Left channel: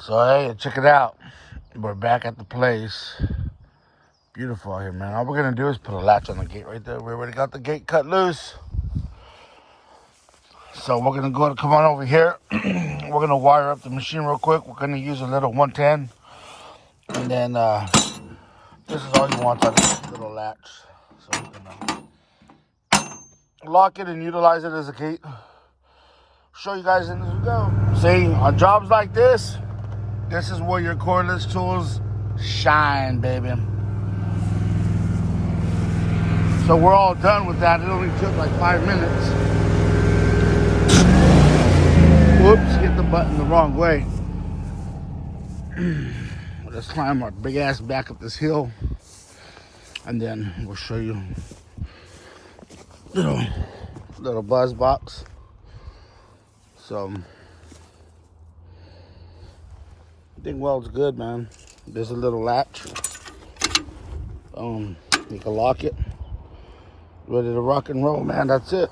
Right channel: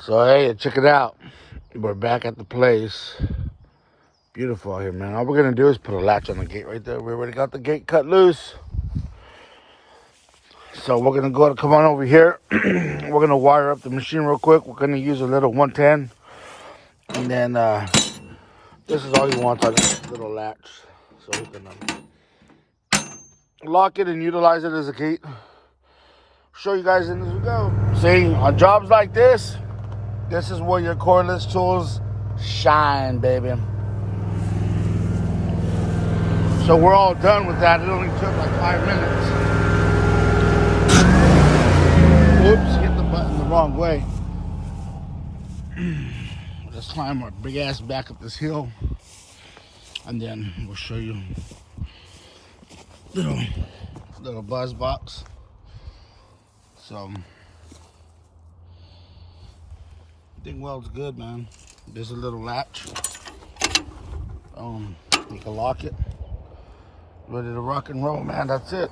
So hey, check it out. We're back at the place. Beautiful out here, man. All we're gonna do is put a latch on the gate right there. We already got the gate cut loose. So we're gonna come on over here. We're gonna wire up the machine real quick. We're gonna use a little 110. And then this is all we want to little latch. So we can lock it and utilize it as a gate. Show you guys in as we go. See, on jobs like this is where your cordless tools shine, baby. So we're all done with that. It only took like 5 minutes. Whoops, hit the button the wrong way. Let's climb our big ass back up this hill, and then we'll show you little buzz box. So I think weld's good, man. There's a little latch. You can lock it. Ready to rock and roll, man. That's it.